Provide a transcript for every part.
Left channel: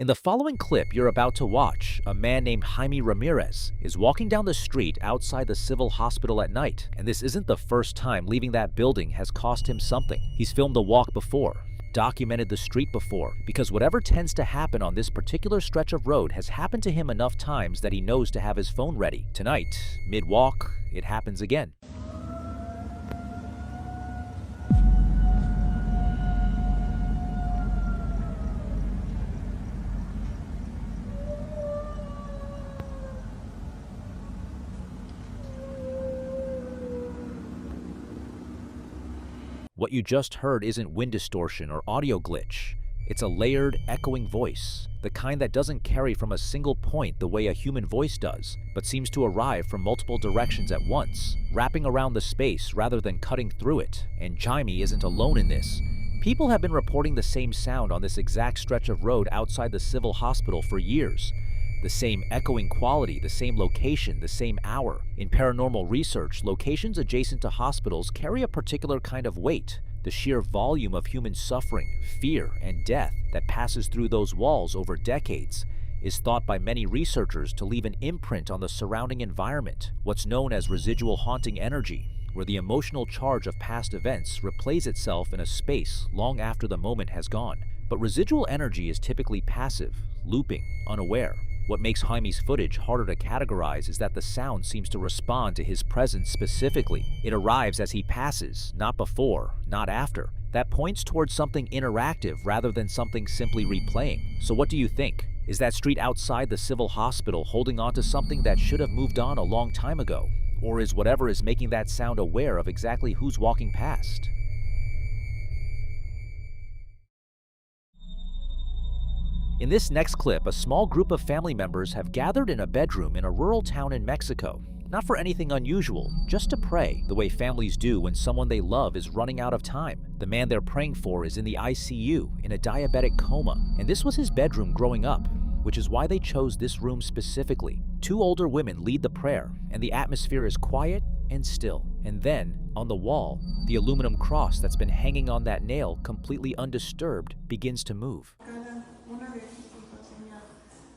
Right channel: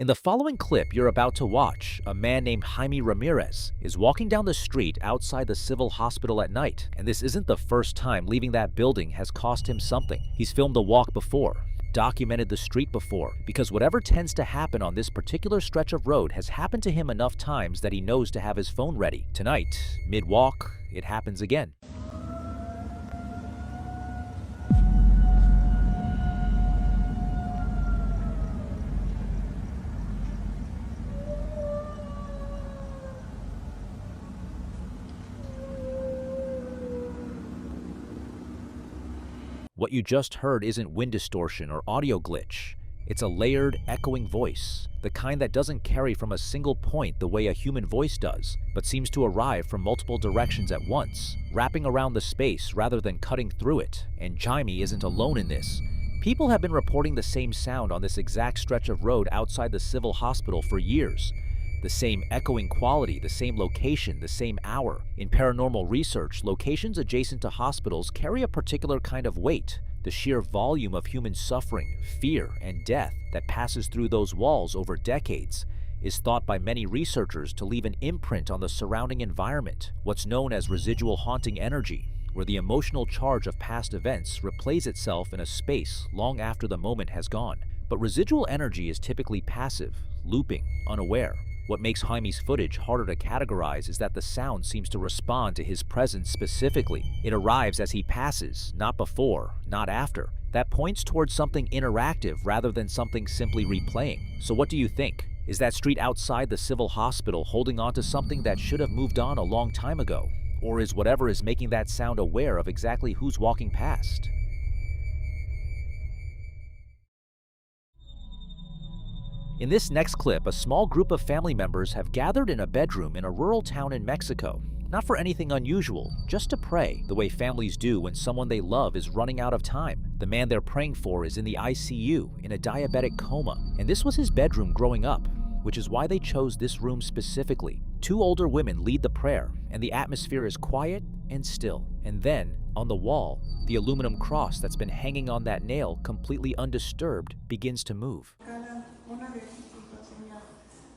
In the following clip you're about to watch, a man named Jaime Ramirez is walking down the street outside the civil hospital at night, and this isn't the first time leaving that building has cost him something. He's filmed the walk before, documented the street before, because whatever tends to happen on this particular stretch of road has happened to him enough times that he knows to have his phone ready. Tonight, mid-walk, it happens again. What you just heard isn't wind distortion or audio glitch. It's a layered, echoing voice, the kind that doesn't carry from a single point the way a human voice does, but seems to arrive from multiple directions at once, wrapping around the space rather than cutting through it. And Jaime isn't alone in this. People have been reporting the same sound on this exact stretch of road outside the civil hospital for years. The same echoing quality, the same location, the same hour. In paranormal research, locations adjacent to hospitals carry a particular kind of weight. The sheer volume of human suffering, fear, and death that passes through those walls over decades is thought by many researchers to leave an imprint on the surrounding environment, what's known as residual haunting energy, where the emotional charge of past events replays itself in a space long after the moment has gone. But residual energy is typically passive, looping, unaware. What makes Jaime's footage harder to categorize is that the sound seems to respond to his presence specifically. It arrives as he passes, not before, not after. That points towards something interactive rather than something simply replaying. So what do you think? Is that street outside the civil hospital holding on to something that should have moved on a long time ago? Or is whatever is making that sound aware of exactly who's walking past? In this next clip, a small group of family members have gathered in a bedroom in a rural town in Mexico. Not for anything unusual, just to pray, the way families do when someone they love is running out of time. The man they're praying for is in the ICU, in a diabetic coma, and this was his bedroom growing up, which is why they chose this room specifically. Two older women lead the prayer, and the atmosphere is quiet and still. And then, on the wall, the aluminum cross that's been hanging on that nail, completely undisturbed, begins to move.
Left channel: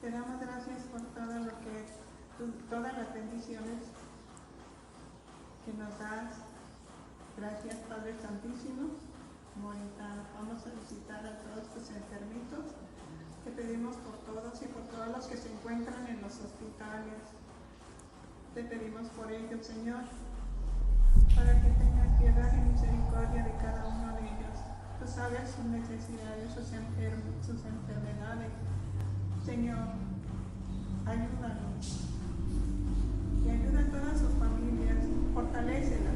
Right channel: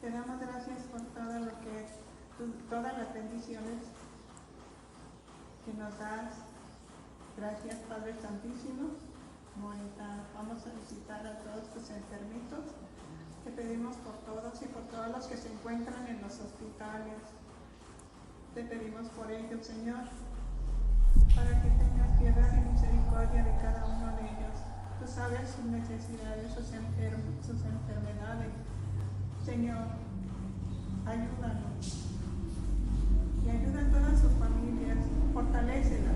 Te damos gracias por todo lo que, todas las bendiciones que nos das. Gracias, Padre Santísimo. Ahorita vamos a visitar a todos tus enfermitos. Te pedimos por todos y por todos los que se encuentran en los hospitales. Te pedimos por ellos, Señor, para que tengas piedad y misericordia de cada uno de ellos. Tú sabes sus necesidades, sus enfermedades. Señor, ayúdanos y ayuda a todas sus familias, fortalécelas.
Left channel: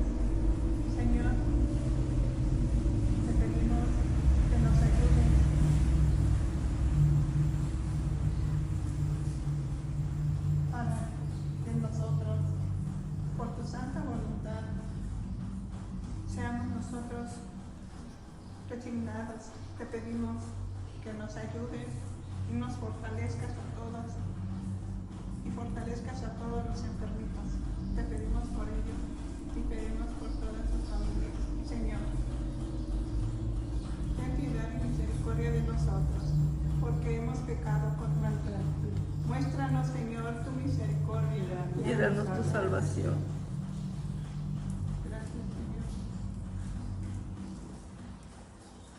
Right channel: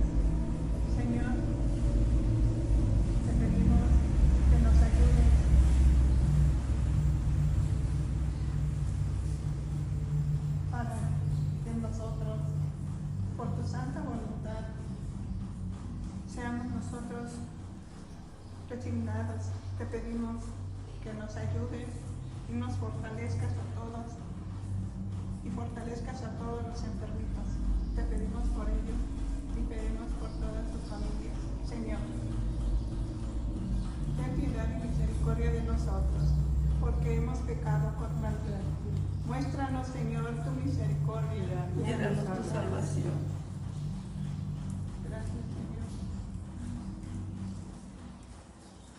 Señor, te pedimos que nos ayudes para que nosotros, por tu santa voluntad, seamos nosotros resignados. Te pedimos que nos ayudes y nos fortalezcas a todos y fortalezcas a todos los enfermitos. Te pedimos por ellos y pedimos por todas sus familias. Señor, ten piedad y misericordia de nosotros, porque hemos pecado contra ti. Muéstranos, Señor, tu misericordia y danos tu salvación. Gracias, Señor.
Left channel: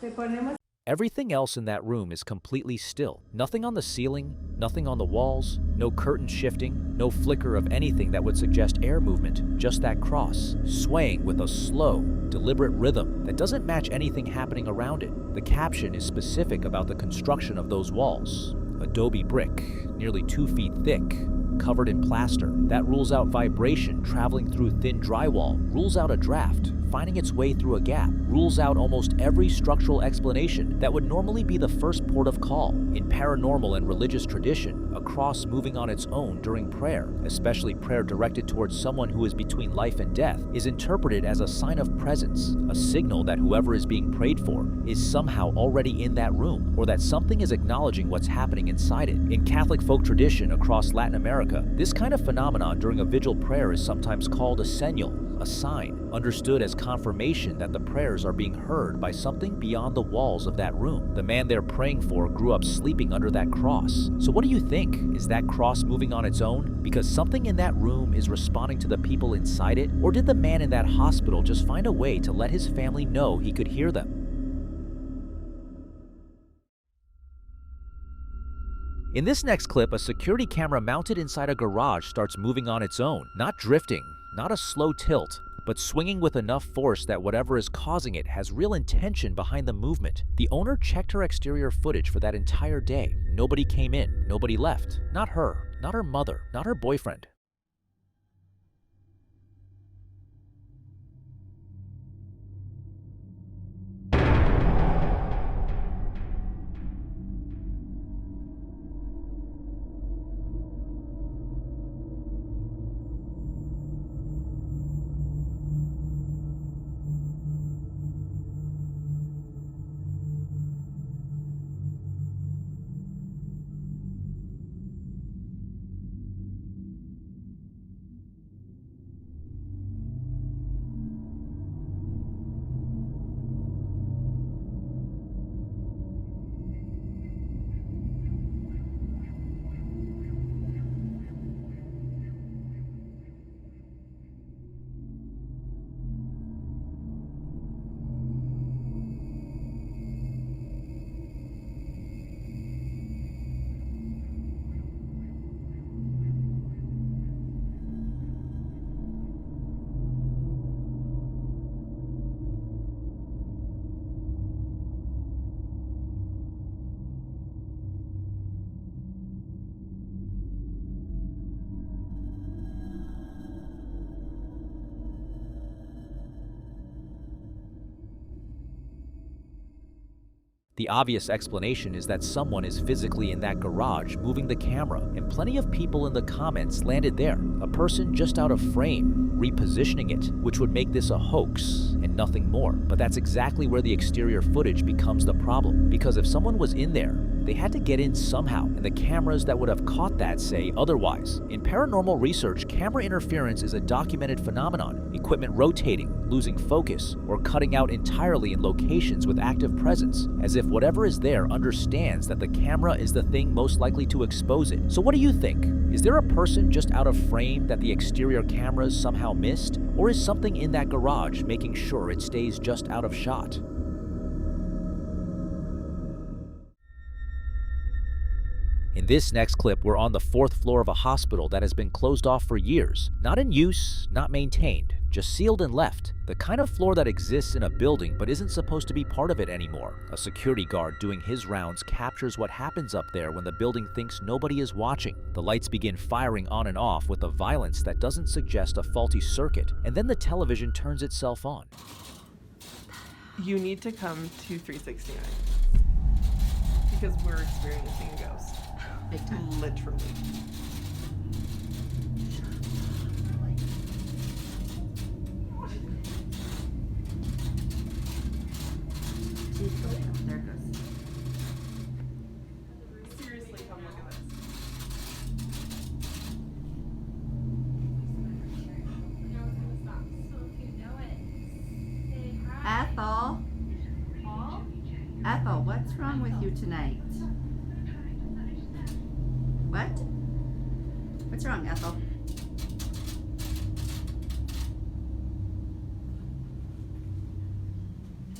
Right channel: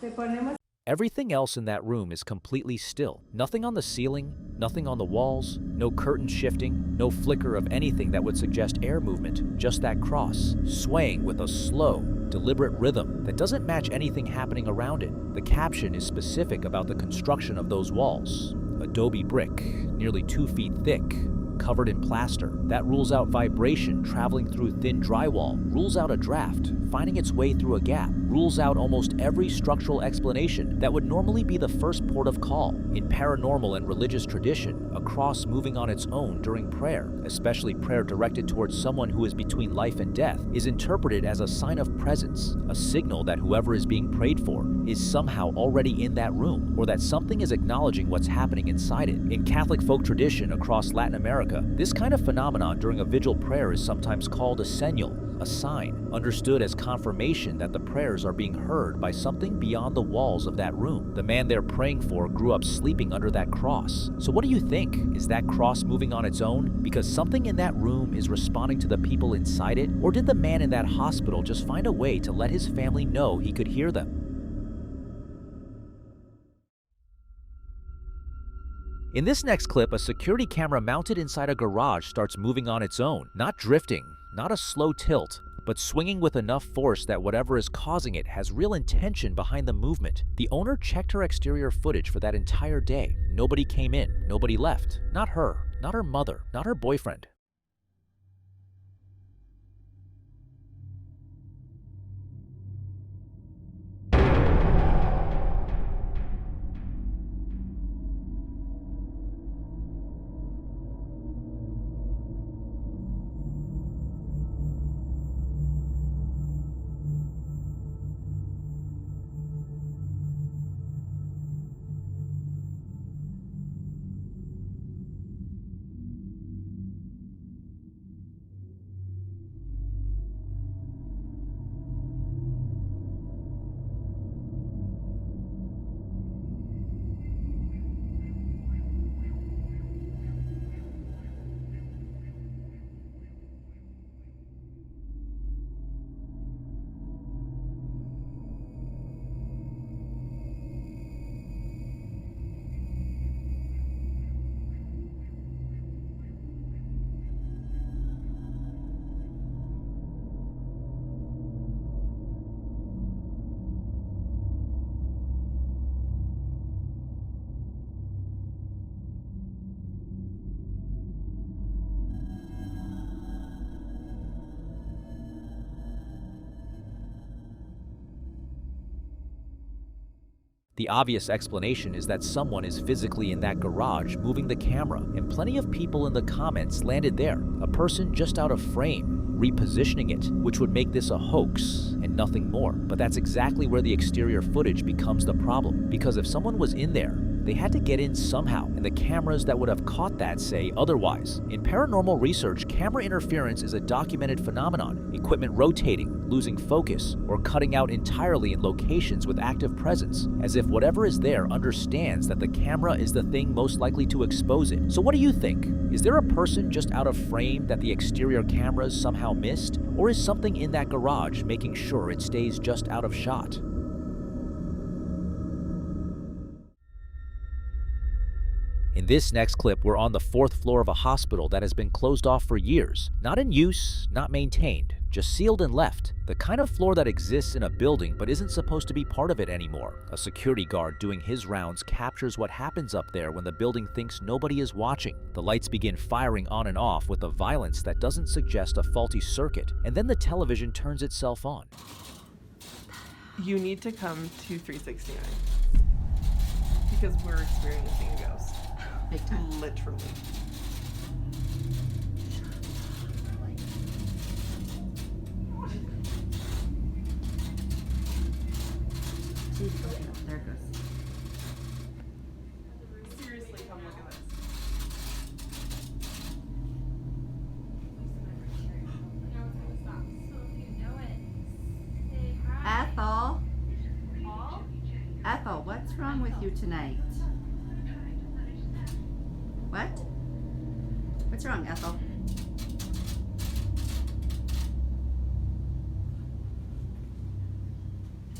Te ponemos. Everything else in that room is completely still. Nothing on the ceiling, nothing on the walls, no curtain shifting, no flicker of anything that would suggest air movement, just that cross, swaying with a slow, deliberate rhythm that doesn't match anything happening around it. The caption is specific about the construction of those walls. Adobe brick, nearly 2 feet thick, covered in plaster. That rules out vibration traveling through thin drywall, rules out a draft finding its way through a gap, rules out almost every structural explanation that would normally be the first port of call. In paranormal and religious tradition, a cross moving on its own during prayer, especially prayer directed towards someone who is between life and death, is interpreted as a sign of presence, a signal that whoever is being prayed for is somehow already in that room, or that something is acknowledging what's happening inside it. In Catholic folk tradition across Latin America, this kind of phenomenon during a vigil prayer is sometimes called a señal, a sign, understood as confirmation that the prayers are being heard by something beyond the walls of that room. The man they're praying for grew up sleeping under that cross. So what do you think? Is that cross moving on its own because something in that room is responding to the people inside it? Or did the man in that hospital just find a way to let his family know he could hear them? In this next clip, a security camera mounted inside a garage starts moving on its own, not drifting, not a slow tilt, but swinging with enough force that whatever is causing it has real intention behind the movement. The owner checked her exterior footage for that entire day. Nobody came in, nobody left. Not her, not her mother, not her boyfriend. The obvious explanation is that someone is physically in that garage moving the camera, and plenty of people in the comments landed there. A person just out of frame, repositioning it, which would make this a hoax and nothing more. But that's exactly where the exterior footage becomes the problem, because if someone was in there, they had to get in somehow, and the cameras that would have caught that say otherwise. In paranormal research, camera interference is a documented phenomenon, equipment rotating, losing focus, or cutting out entirely in locations with active presence, as if whatever is there understands that the camera is the thing most likely to expose it. So what do you think? Is there a person just out of frame that the exterior cameras somehow missed? Or is something in that garage making sure it stays just out of shot? In this next clip, we're on the 4th floor of a hospital that has been closed off for years. Not in use, not maintained, just sealed and left. The kind of floor that exists in a building but isn't supposed to be part of it anymore. A security guard doing his rounds captures what happens up there when the building thinks nobody is watching. The lights begin firing on and off with a violence that doesn't suggest a faulty circuit, and then the television turns itself on. You need to come to 369 because we're experiencing a ghost. Big time. Literally. There it goes. Seriously, come look at this. Ethel? Ethel, what's wrong with you tonight? What? What's wrong, Ethel?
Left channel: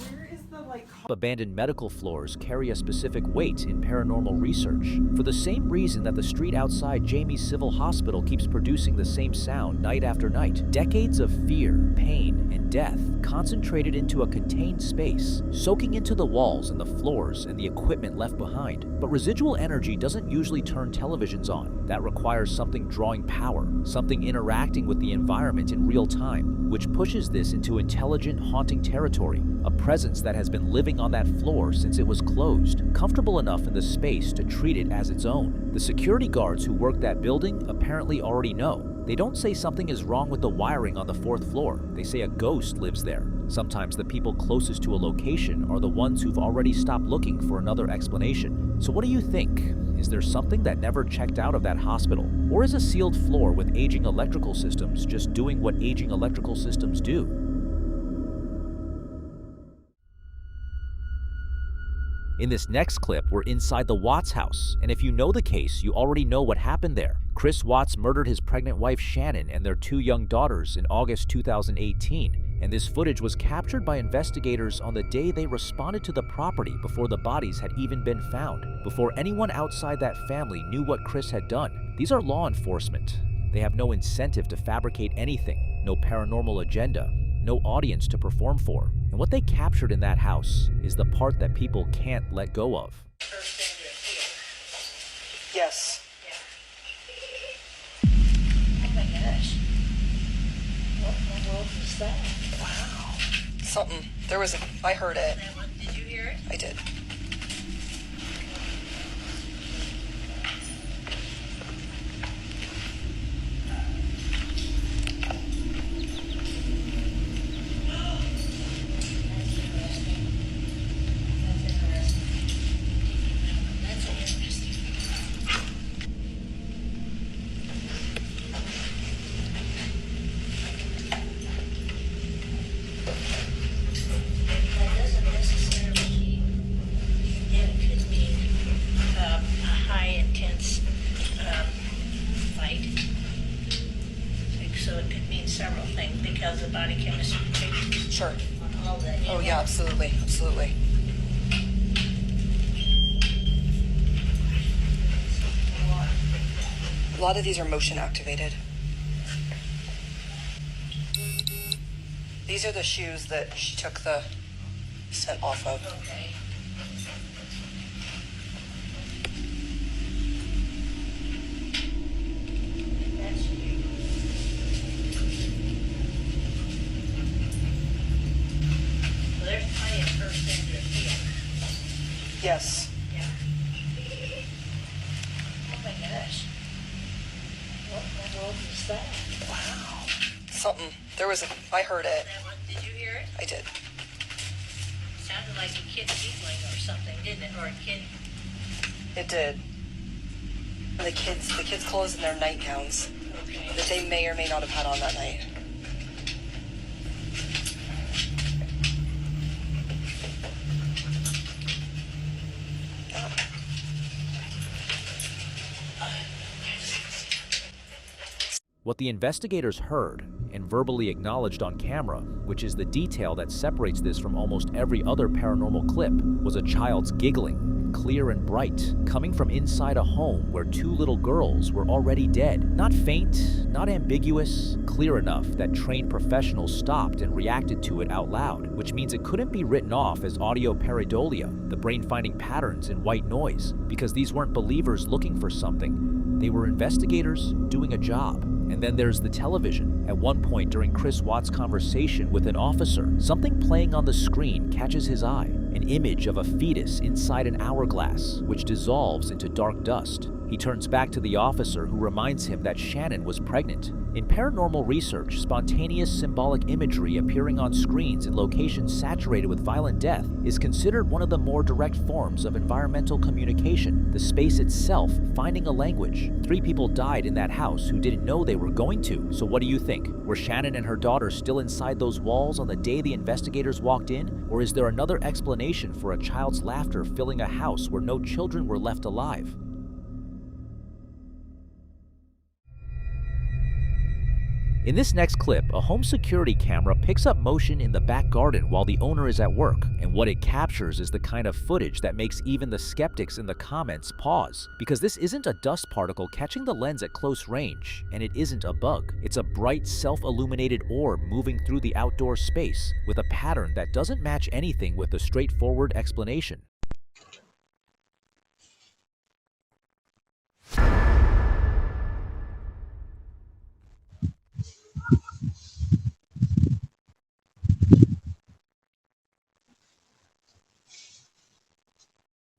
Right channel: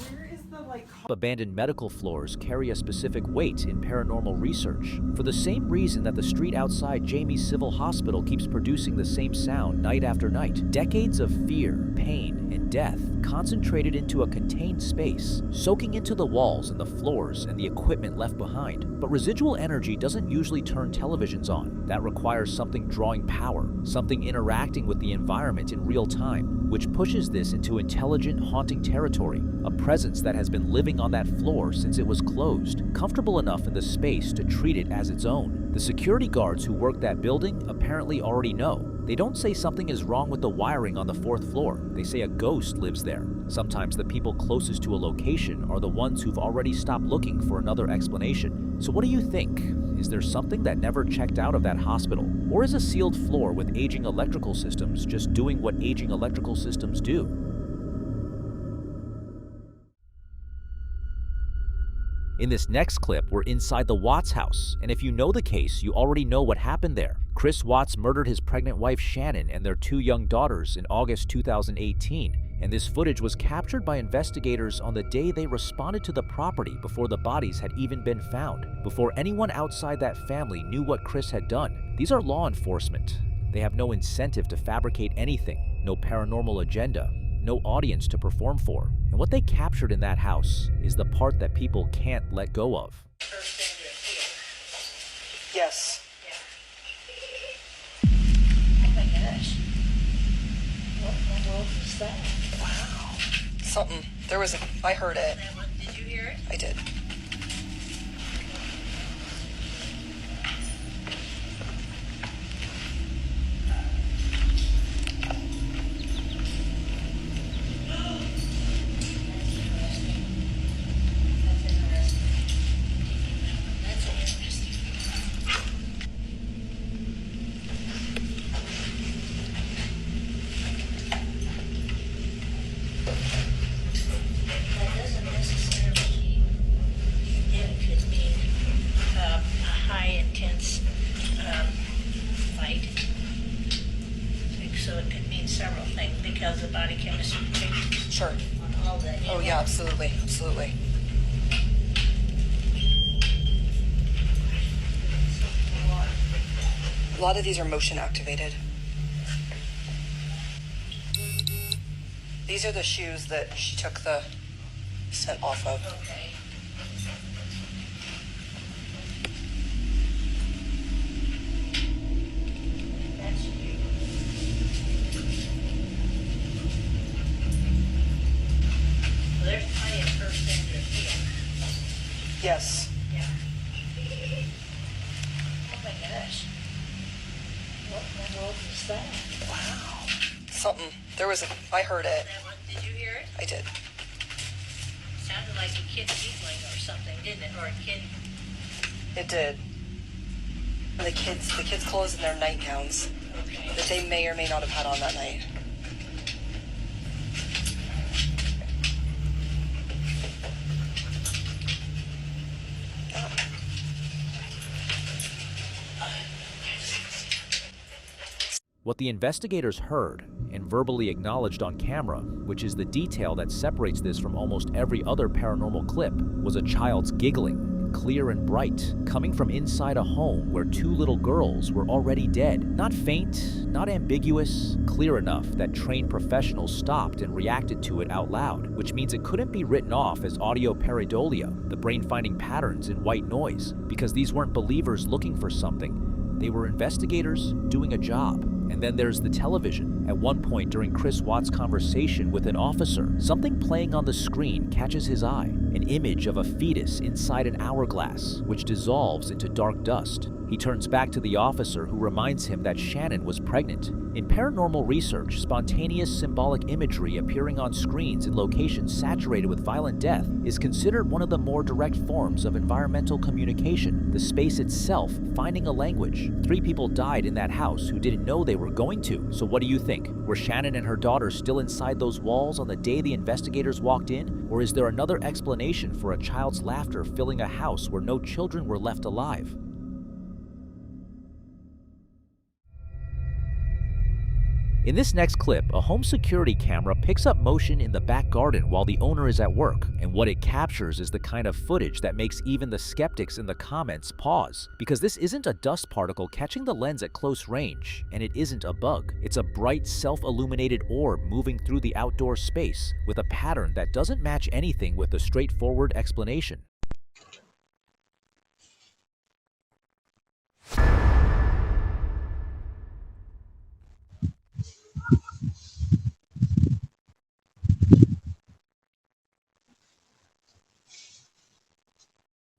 Where is the Abandoned medical floors carry a specific weight in paranormal research, for the same reason that the street outside Jamie's Civil Hospital keeps producing the same sound night after night. Decades of fear, pain, and death concentrated into a contained space, soaking into the walls and the floors and the equipment left behind. But residual energy doesn't usually turn televisions on. That requires something drawing power, something interacting with the environment in real time, which pushes this into intelligent, haunting territory, a presence that has been living on that floor since it was closed, comfortable enough in the space to treat it as its own. The security guards who work that building apparently already know. They don't say something is wrong with the wiring on the 4th floor. They say a ghost lives there. Sometimes the people closest to a location are the ones who've already stopped looking for another explanation. So what do you think? Is there something that never checked out of that hospital? Or is a sealed floor with aging electrical systems just doing what aging electrical systems do? In this next clip, we're inside the Watts house, and if you know the case, you already know what happened there. Chris Watts murdered his pregnant wife Shannon and their 2 young daughters in August 2018, and this footage was captured by investigators on the day they responded to the property before the bodies had even been found, before anyone outside that family knew what Chris had done. These are law enforcement. They have no incentive to fabricate anything, no paranormal agenda, no audience to perform for. And what they captured in that house is the part that people can't let go of. Yes. Oh my gosh. What in the world was that? Wow. Something. I heard it. Did you hear it? I did. So it could mean several things because the body chemistry takes Sure. on all that. Oh yeah, absolutely. Absolutely. A lot of these are motion activated. These are the shoes that she took the scent off of. Okay. That's you. Well, there's plenty of first thing to feel. Yes. Yeah. Oh my gosh. What in the world was that? Wow. Something. I heard it. Did you hear it? I did. Sounded like a kid giggling or something, didn't it? Or a kid. It did. The kids' clothes and their nightgowns Okay. that they may or may not have had on that night. What the investigators heard and verbally acknowledged on camera, which is the detail that separates this from almost every other paranormal clip, was a child's giggling, clear and bright, coming from inside a home where 2 little girls were already dead. Not faint, not ambiguous, clear enough that trained professionals stopped and reacted to it out loud, which means it couldn't be written off as audio pareidolia, the brain finding patterns in white noise, because these weren't believers looking for something. They were investigators doing a job. And then there's the television. At one point during Chris Watts' conversation with an officer, something playing on the screen catches his eye. An image of a fetus inside an hourglass, which dissolves into dark dust. He turns back to the officer, who reminds him that Shannon was pregnant. In paranormal research, spontaneous symbolic imagery appearing on screens in locations saturated with violent death is considered one of the more direct forms of environmental communication, the space itself finding a language. 3 people died in that house who didn't know they were going to. So what do you think? Were Shannon and her daughter still inside those walls on the day the investigators walked in? Or is there another explanation for a child's laughter filling a house where no children were left alive? In this next clip, a home security camera picks up motion in the back garden while the owner is at work, and what it captures is the kind of footage that makes even the skeptics in the comments pause, because this isn't a dust particle catching the lens at close range, and it isn't a bug. It's a bright, self-illuminated orb moving through the outdoor space with a pattern that doesn't match anything with a straightforward explanation.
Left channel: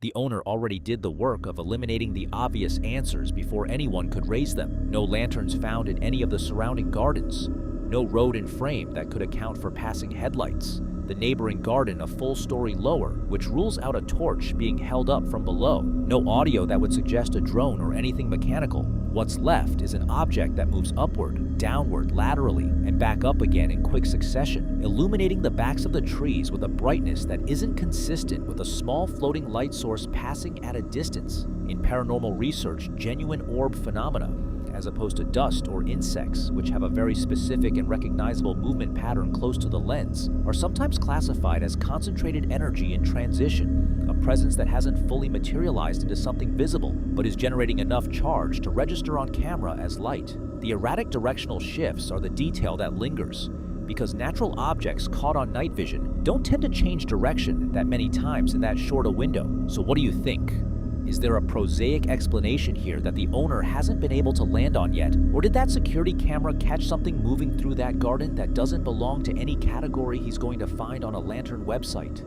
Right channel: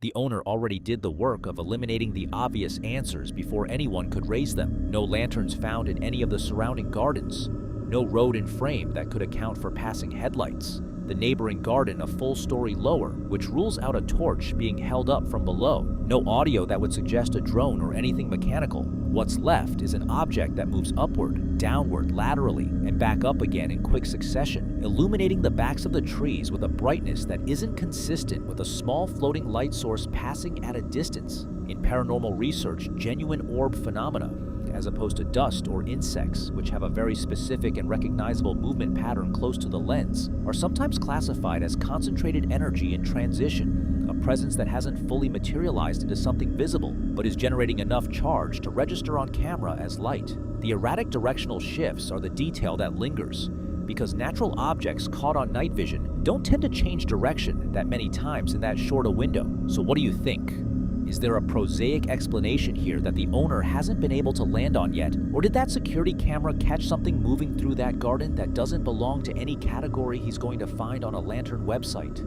The owner already did the work of eliminating the obvious answers before anyone could raise them. No lanterns found in any of the surrounding gardens. No road in frame that could account for passing headlights. the neighboring garden a full story lower, which rules out a torch being held up from below. No audio that would suggest a drone or anything mechanical. What's left is an object that moves upward, downward, laterally, and back up again in quick succession, illuminating the backs of the trees with a brightness that isn't consistent with a small floating light source passing at a distance. In paranormal research, genuine orb phenomena, as opposed to dust or insects, which have a very specific and recognizable movement pattern close to the lens, are sometimes classified as concentrated energy in transition, a presence that hasn't fully materialized into something visible, but is generating enough charge to register on camera as light. The erratic directional shifts are the detail that lingers, because natural objects caught on night vision don't tend to change direction that many times in that short a window. So what do you think? Is there a prosaic explanation here that the owner hasn't been able to land on yet? Or did that security camera catch something moving through that garden that doesn't belong to any category he's going to find on a Lantern website?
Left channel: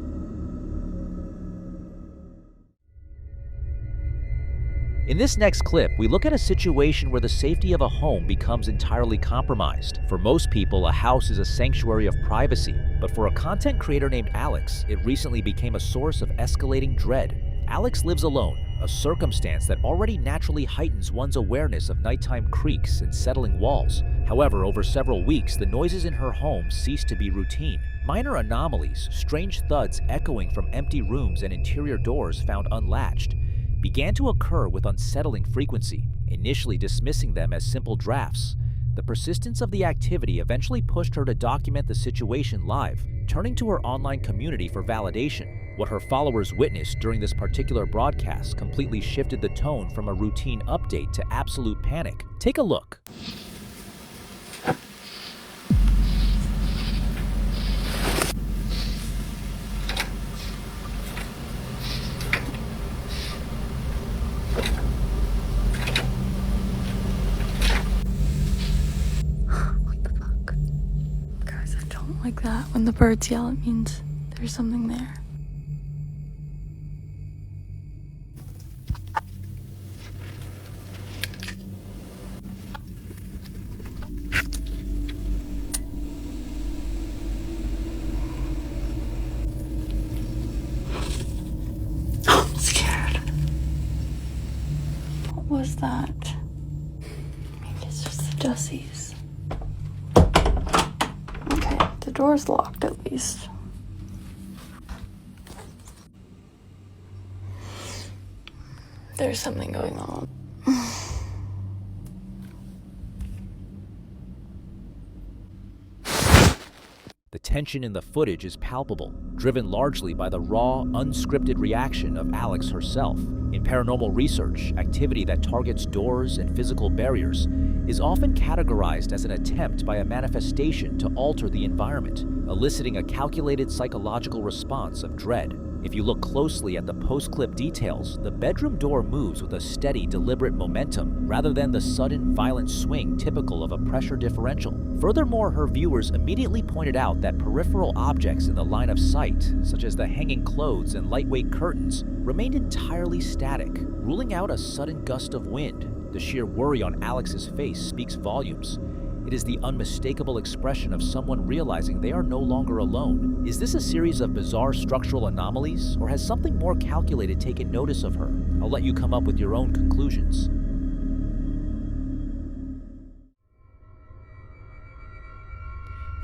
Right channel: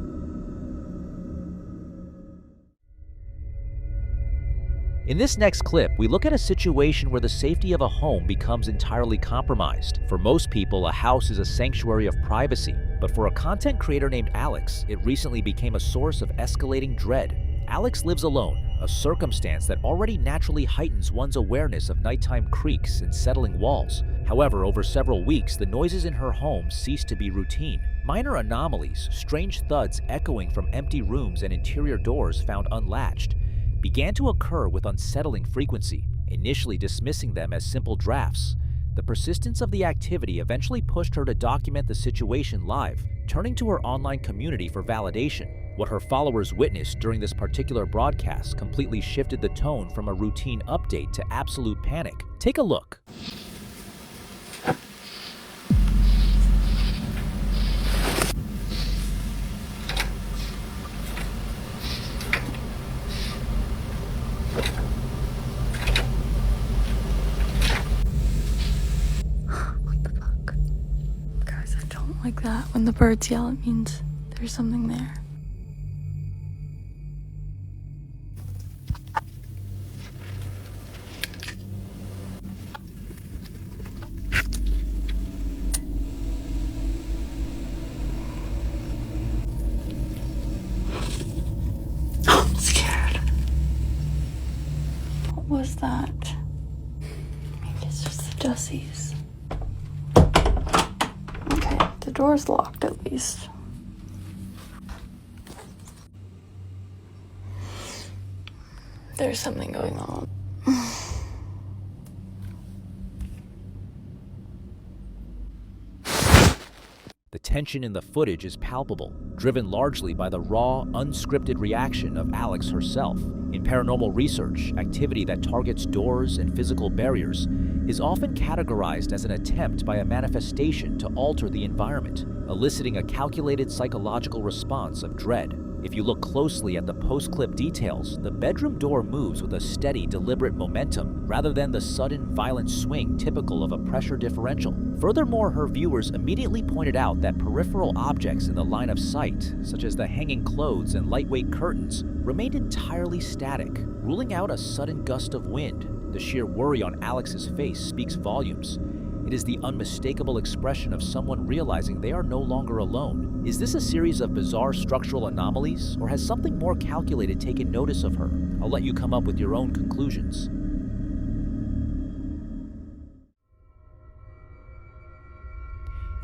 In this next clip, we look at a situation where the safety of a home becomes entirely compromised. For most people, a house is a sanctuary of privacy, but for a content creator named Alex, it recently became a source of escalating dread. Alex lives alone, a circumstance that already naturally heightens one's awareness of nighttime creaks and settling walls. However, over several weeks, the noises in her home ceased to be routine. Minor anomalies, strange thuds echoing from empty rooms and interior doors found unlatched, began to occur with unsettling frequency, initially dismissing them as simple drafts. The persistence of the activity eventually pushed her to document the situation live, turning to her online community for validation. What her followers witnessed during this particular broadcast completely shifted the tone from a routine update to absolute panic. Take a look. What the fuck? Guys, I don't like that. When the birds yell, it means there's something there. I'm scared. What was that? Maybe it's just the Dussies. Okay, the door's locked at least. There's something going on. The tension in the footage is palpable, driven largely by the raw, unscripted reaction of Alex herself. In paranormal research, activity that targets doors and physical barriers is often categorized as an attempt by a manifestation to alter the environment, eliciting a calculated psychological response of dread. If you look closely at the post-clip details, the bedroom door moves with a steady, deliberate momentum rather than the sudden, violent swing typical of a pressure differential. Furthermore, her viewers immediately pointed out that peripheral objects in the line of sight, such as the hanging clothes and lightweight curtains, remained entirely static, ruling out a sudden gust of wind. The sheer worry on Alex's face speaks volumes. It is the unmistakable expression of someone realizing they are no longer alone. Is this a series of bizarre structural anomalies, or has something more calculated taken notice of her? I'll let you come up with your own conclusions.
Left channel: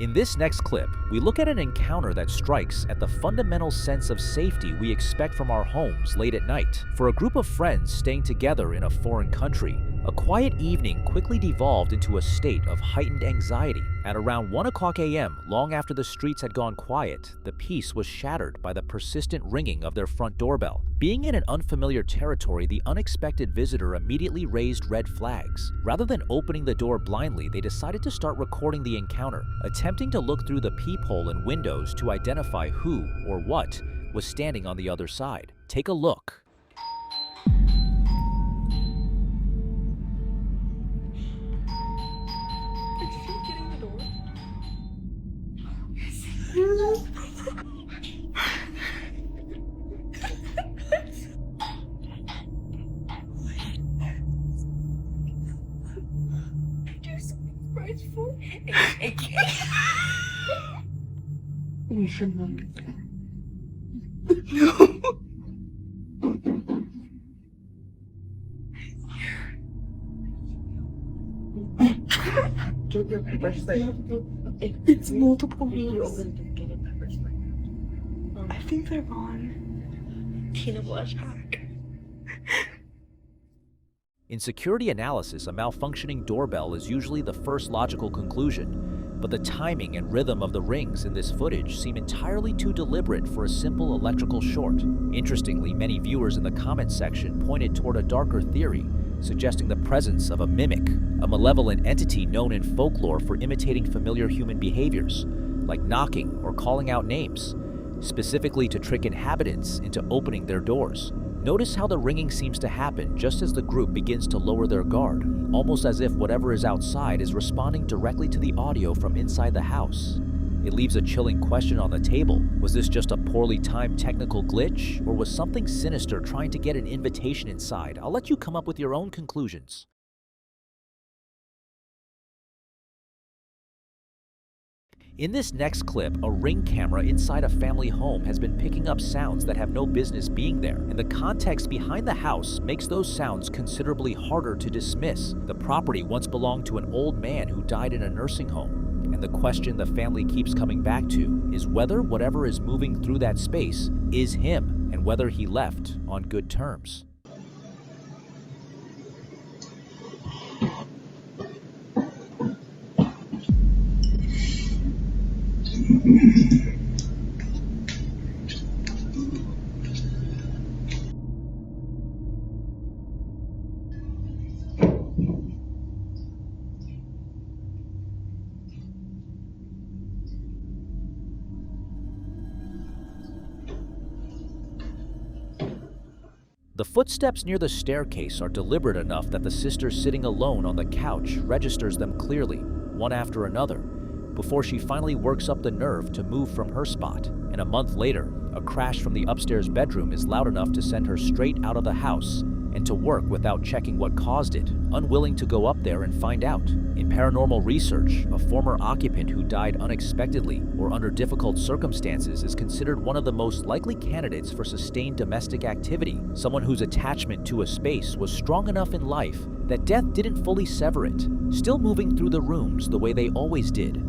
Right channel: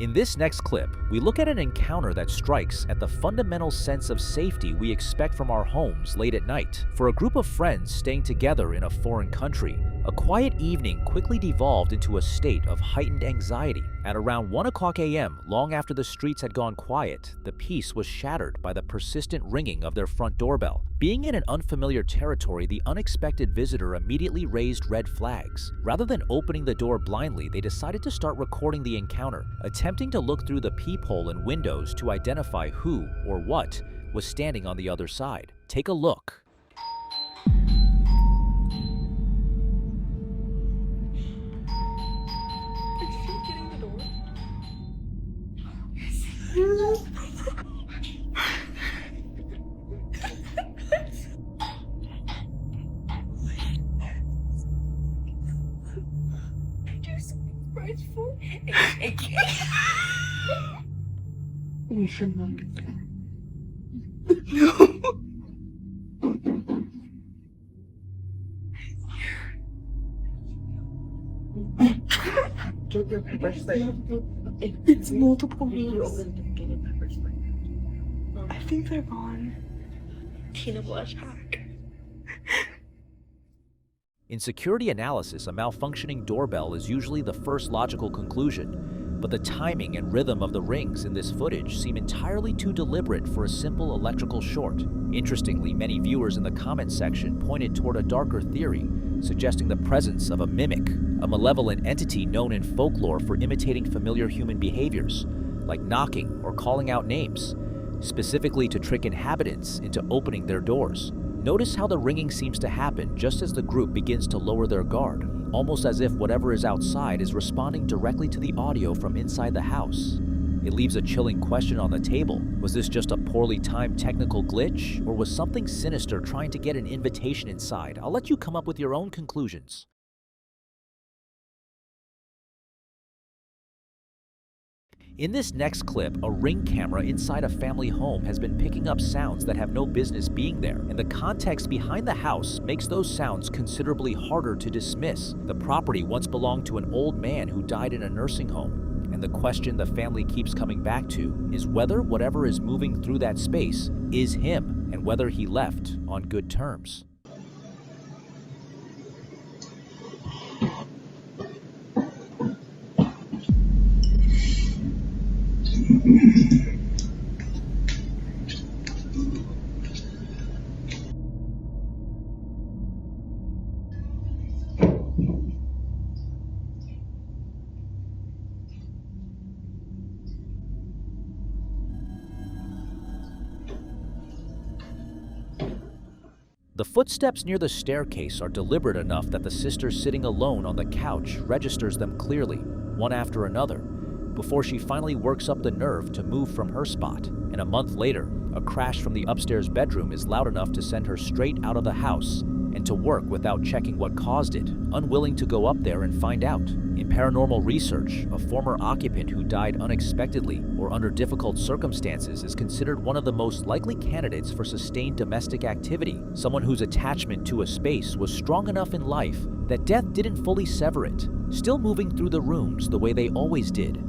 In this next clip, we look at an encounter that strikes at the fundamental sense of safety we expect from our homes late at night. For a group of friends staying together in a foreign country, a quiet evening quickly devolved into a state of heightened anxiety. At around 1 o'clock a.m., long after the streets had gone quiet, the peace was shattered by the persistent ringing of their front doorbell. Being in an unfamiliar territory, the unexpected visitor immediately raised red flags. Rather than opening the door blindly, they decided to start recording the encounter, attempting to look through the peephole and windows to identify who or what was standing on the other side. Take a look. We should not. It's multiple views. I think they're on Tina Blush hack. In security analysis, a malfunctioning doorbell is usually the first logical conclusion, but the timing and rhythm of the rings in this footage seem entirely too deliberate for a simple electrical short. Interestingly, many viewers in the comments section pointed toward a darker theory, suggesting the presence of a mimic, a malevolent entity known in folklore for imitating familiar human behaviors, like knocking or calling out names, specifically to trick inhabitants into opening their doors. Notice how the ringing seems to happen just as the group begins to lower their guard, almost as if whatever is outside is responding directly to the audio from inside the house. It leaves a chilling question on the table. Was this just a poorly timed technical glitch, or was something sinister trying to get an invitation inside? I'll let you come up with your own conclusions. In this next clip, a Ring camera inside a family home has been picking up sounds that have no business being there, and the context behind the house makes those sounds considerably harder to dismiss. The property once belonged to an old man who died in a nursing home, and the question the family keeps coming back to is whether whatever is moving through that space is him, and whether he left on good terms. The footsteps near the staircase are deliberate enough that the sister sitting alone on the couch registers them clearly, one after another, before she finally works up the nerve to move from her spot. And a month later, a crash from the upstairs bedroom is loud enough to send her straight out of the house and to work without checking what caused it, unwilling to go up there and find out. In paranormal research, a former occupant who died unexpectedly or under difficult circumstances is considered one of the most likely candidates for sustained domestic activity, someone whose attachment to a space was strong enough in life that death didn't fully sever it, still moving through the rooms the way they always did,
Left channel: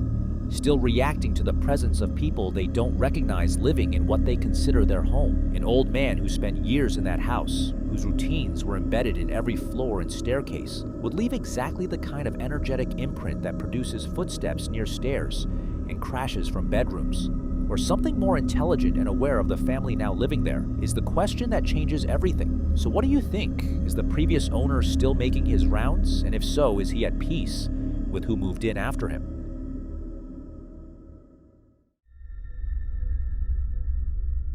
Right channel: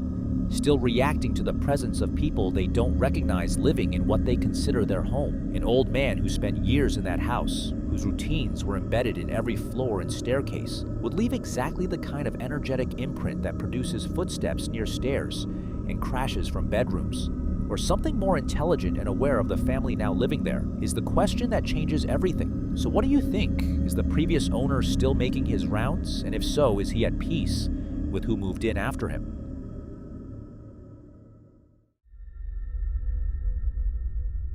still reacting to the presence of people they don't recognize living in what they consider their home. An old man who spent years in that house, whose routines were embedded in every floor and staircase, would leave exactly the kind of energetic imprint that produces footsteps near stairs and crashes from bedrooms. Or something more intelligent and aware of the family now living there is the question that changes everything. So what do you think? Is the previous owner still making his rounds? And if so, is he at peace with who moved in after him?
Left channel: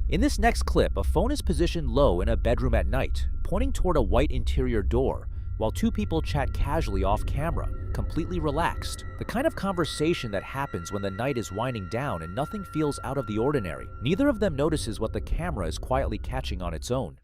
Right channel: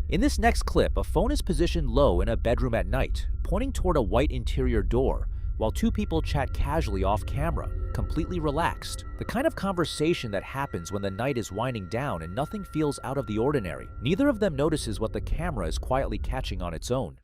In this next clip, a phone is positioned low in a bedroom at night, pointing toward a white interior door, while two people chat casually off camera, completely relaxed. The kind of conversation that happens when the night is winding down and nothing feels out of the ordinary. Neither of them notices what the camera is quietly catching on its own.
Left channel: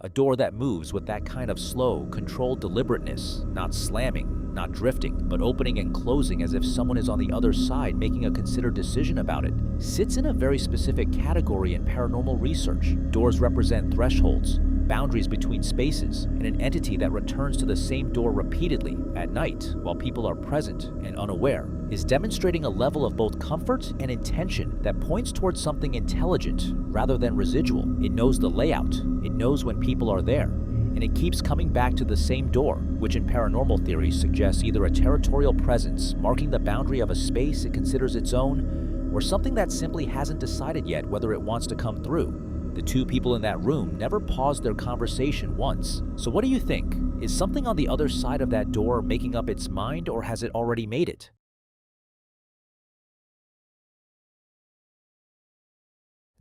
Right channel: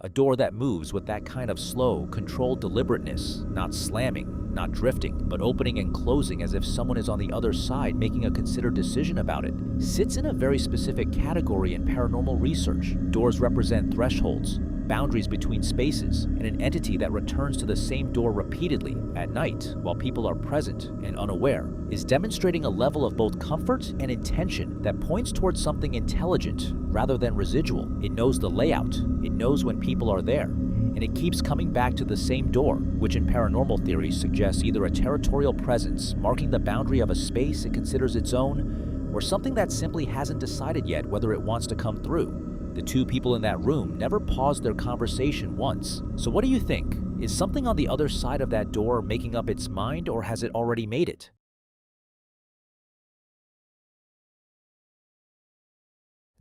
A door that moves with that kind of slow, controlled deliberateness, not slamming, not drifting, but opening and closing as if someone is on the other side making a considered decision about it, sits in a very specific category in paranormal research. Doors represent thresholds, boundaries between spaces, and an entity that returns to the same door repeatedly at night while people are present and unaware, is demonstrating a level of both comfort and intention that points towards something intelligent rather than residual. It knows the layout, it knows when people are there, and it keeps coming back to the same door, which in paranormal theory suggests either a territorial presence marking the boundary of a space it considers its own, or something that simply hasn't decided yet whether it wants to come through. The two people in that room never paused their conversation once. So what do you think? Is something on the other side of that door making up its mind, or has it already made it?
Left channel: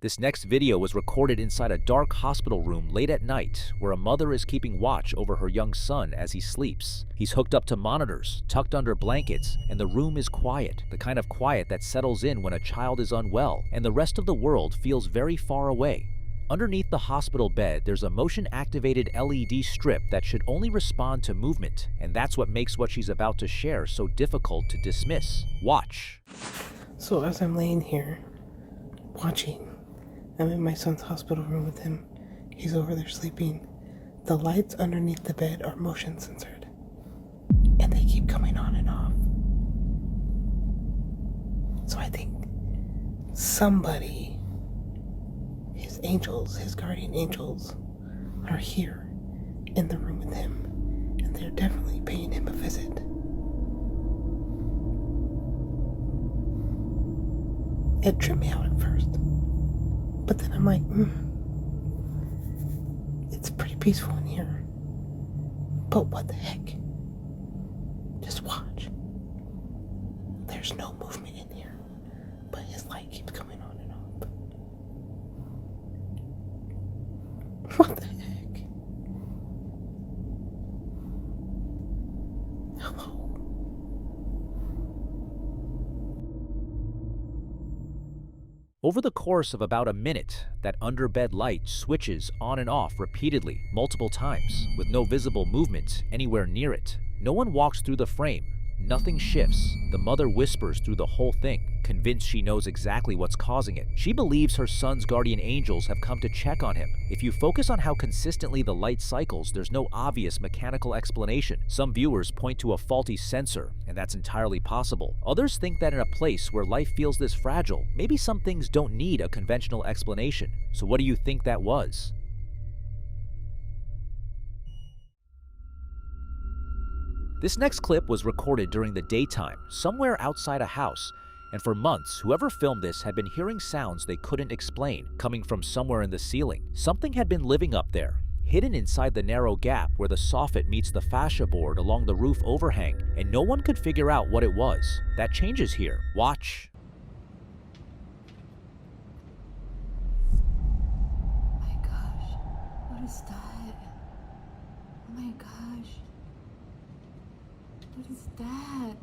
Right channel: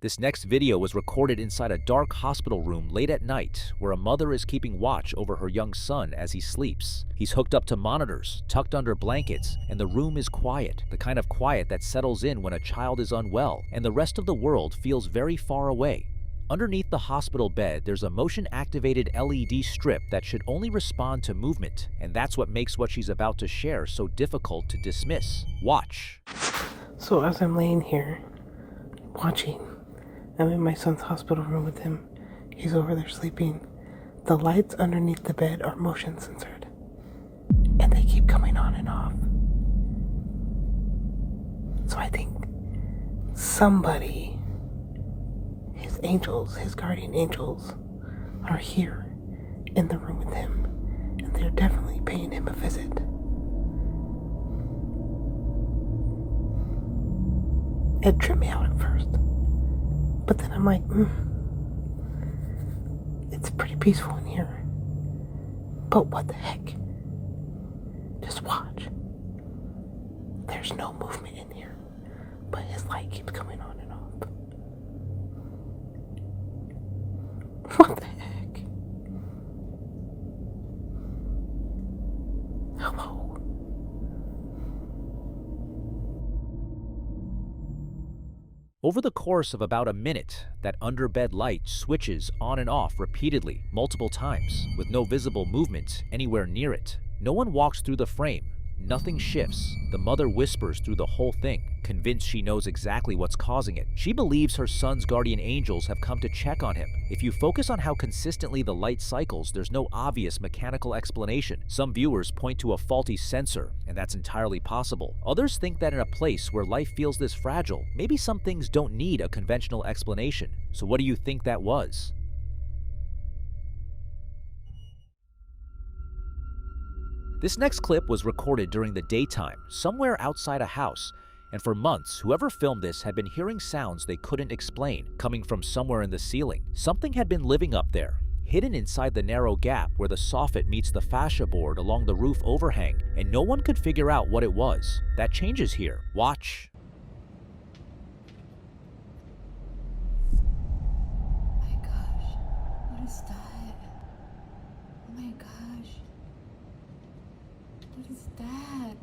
This next video was recorded inside a dark hospital room late at night, where a mother is keeping watch over her young son as he sleeps. He's hooked up to monitors, tucked under blankets, and the room is quiet, the kind of quiet that settles in when a child is unwell and the rest of the world feels very far away. Underneath the hospital bed, there's a motion-activated LED strip that should only respond to movement, and that's what makes what she's about to share so difficult to dismiss. Watch. So as I'm laying here, watching, I'm in my son's hospital room with him. He's over there sleeping. The lights underneath the bed are motion censored, and they keep coming on and off. So I think somebody, his angels, his guardian angels, are here in the room with him, and they're definitely paying him a visit. It tripped me out at first. But then I'm like, it's pretty peaceful in here. But what the heck? Just watch. There's no movement in here, but his light keeps coming on and off. What the heck? Hello? Over the course of about a minute, that underbed light switches on and off repeatedly, multiple times, with no visible movement anywhere near it. No one walks through the frame. Nothing shifts. The mother whispers through the whole thing, convinced she knows exactly what's causing it. She believes her son's guardian angels have come to check on him. If you focus on how consistently the light cycles, there's no obvious mechanical explanation. Some viewers point to a faulty sensor, and that's entirely possible. Others think that in a place where life feels this fragile, maybe some things don't need a conventional explanation. So what do you think that was? This next clip was recorded during the daytime, somewhere outside a house, and for months, whoever filmed this had been hearing sounds they couldn't explain, coming from somewhere in the ceiling. Something had been living up there, hidden inside the narrow gap where the soffit meets the fascia board along the roof overhang, and no one could figure out what it was. That changes here. Watch. Oh my gosh, what is that? Oh my gosh. What is that?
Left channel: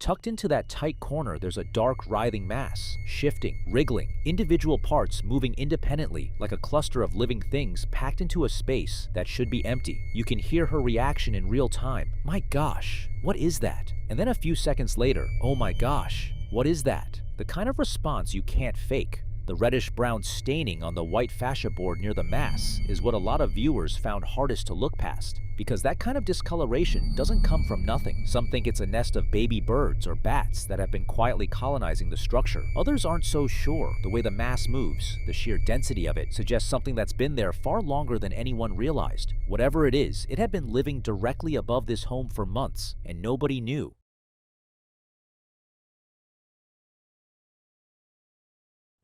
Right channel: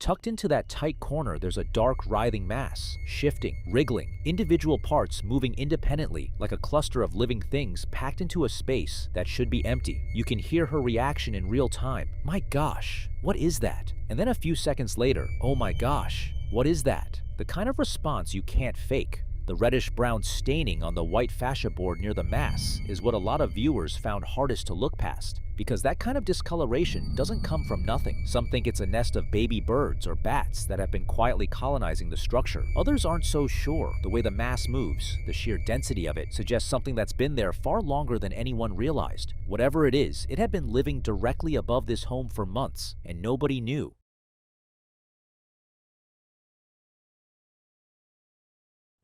Tucked into that tight corner, there's a dark, writhing mass, shifting, wriggling, individual parts moving independently like a cluster of living things packed into a space that should be empty. You can hear her reaction in real time. My gosh, what is that? And then a few seconds later, oh my gosh, what is that? The kind of response you can't fake. The reddish-brown staining on the white fascia board near the mass is what a lot of viewers found hardest to look past, because that kind of discoloration doesn't come from nothing. Some think it's a nest of baby birds or bats that have been quietly colonizing the structure. Others aren't so sure. The way the mass moves, the sheer density of it, suggests something that's been there far longer than anyone realized. Whatever it is, it had been living directly above this home for months, and nobody knew.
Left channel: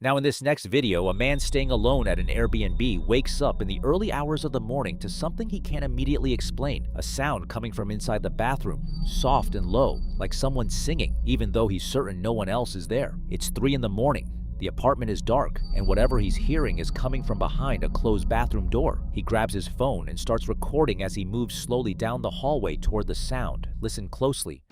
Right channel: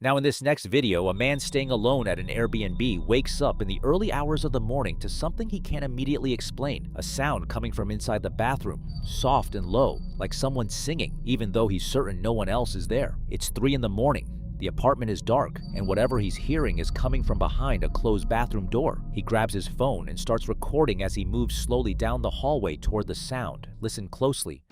Now in this next video, a man staying alone at an Airbnb wakes up in the early hours of the morning to something he can't immediately explain. A sound coming from inside the bathroom, soft and low, like someone singing, even though he's certain no one else is there. It's 3 in the morning. The apartment is dark, and whatever he's hearing is coming from behind a closed bathroom door. He grabs his phone and starts recording as he moves slowly down the hallway toward the sound. Listen closely.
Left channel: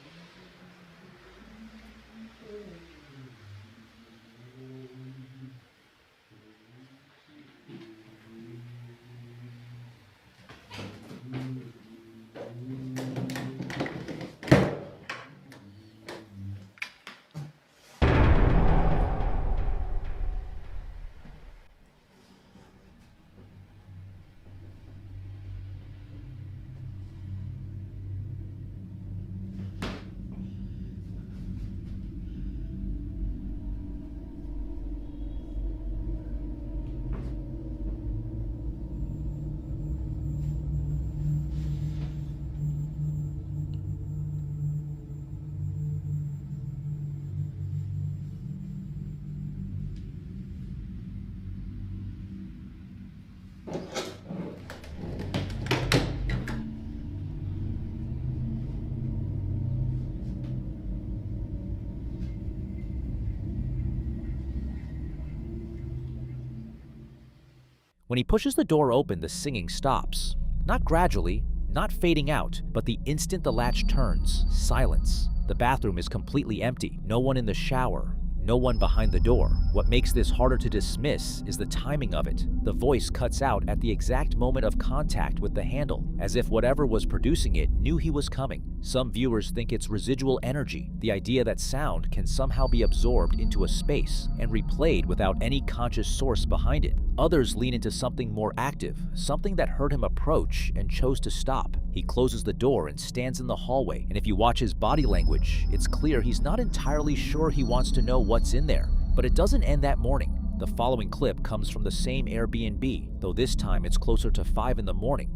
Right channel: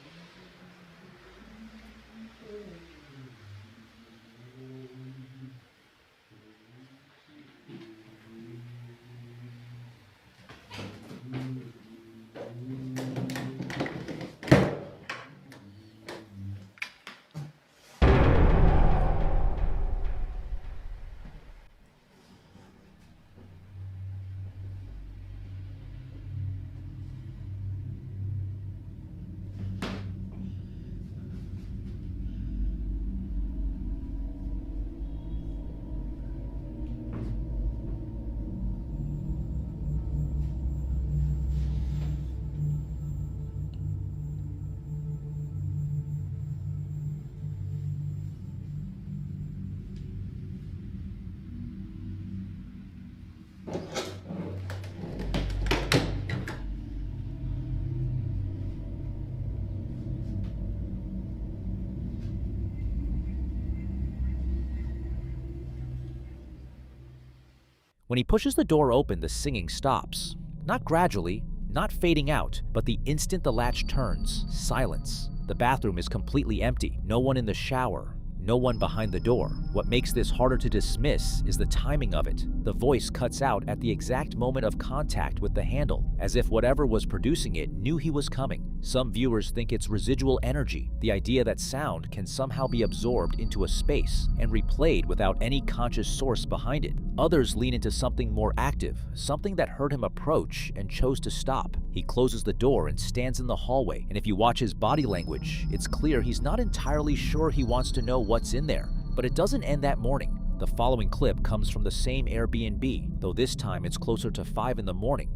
When he pushes the door open, the singing stops. Not gradually, not fading out, but the instant the latch turns, silence. The bathroom is completely empty. No one in the shower. No one behind the door. What makes this harder to dismiss is the timing of it. The voice cuts out at the exact moment of contact with the handle, as if whatever was producing it knew he was coming. Some viewers think it's residual energy, the idea that sound can somehow be absorbed into a space and replayed without any conscious source behind it. Others lean into something more active, something that heard him approach and chose to stop. He closes the door and stands in the hallway, and if you watch his body language, it's clear he's not entirely sure he wants to know what's in there. But it doesn't end that morning. The following clip comes from the same Airbnb, though this time it's closer to 5 in the morning.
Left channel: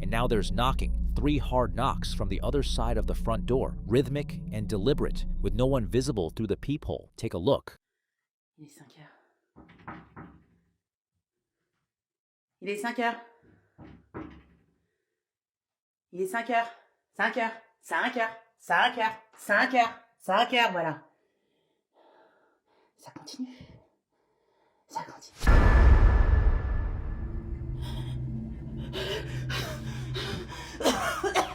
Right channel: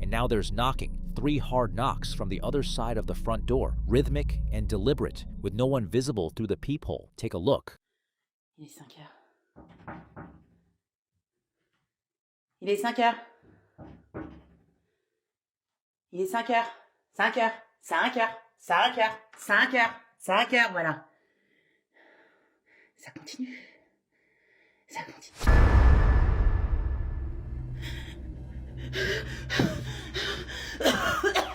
And now there's knocking, 3 hard knocks from the other side of the front door, rhythmic and deliberate, with no one visible through the peephole. Take a look. Il est 5 heures. Il est 5 heures. Il est 5 heures. 5 heures. 5 heures. 5 heures. 5 heures. 5 heures, voilà. Ça continue. Ça continue. Ah, putain.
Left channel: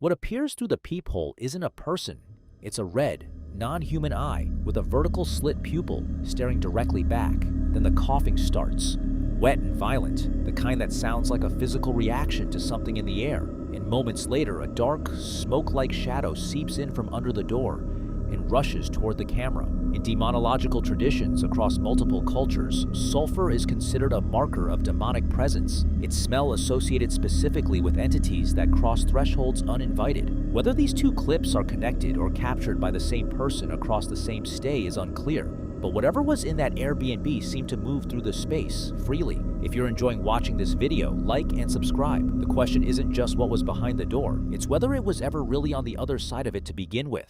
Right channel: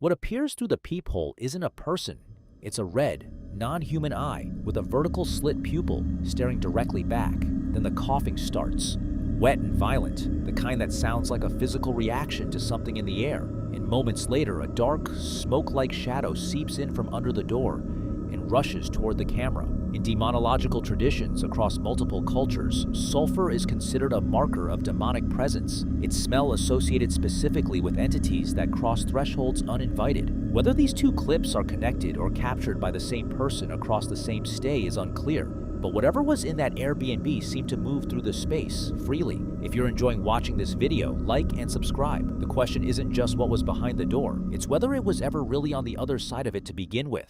What appears through the peephole isn't a person. It's a red, non-human eye with a vertical slit pupil staring directly back. Then the coughing starts, wet and violent, the kind that sounds like a physical reaction to something in the air. And moments later, a dark, smoke-like shadow seeps in from under the door and rushes toward the camera. In demonological traditions across multiple cultures, sulfur is considered a marker of demonic presence, its smell associated specifically with entities that cross thresholds uninvited. Whether these two clips are connected or captured by the same person across the same stay is unclear, but whatever was in that Airbnb seemed to move through the space freely. If you're enjoying watching this video, like and subscribe. The question isn't just what was behind the door, it's whether it was ever really on the other side of it to begin with.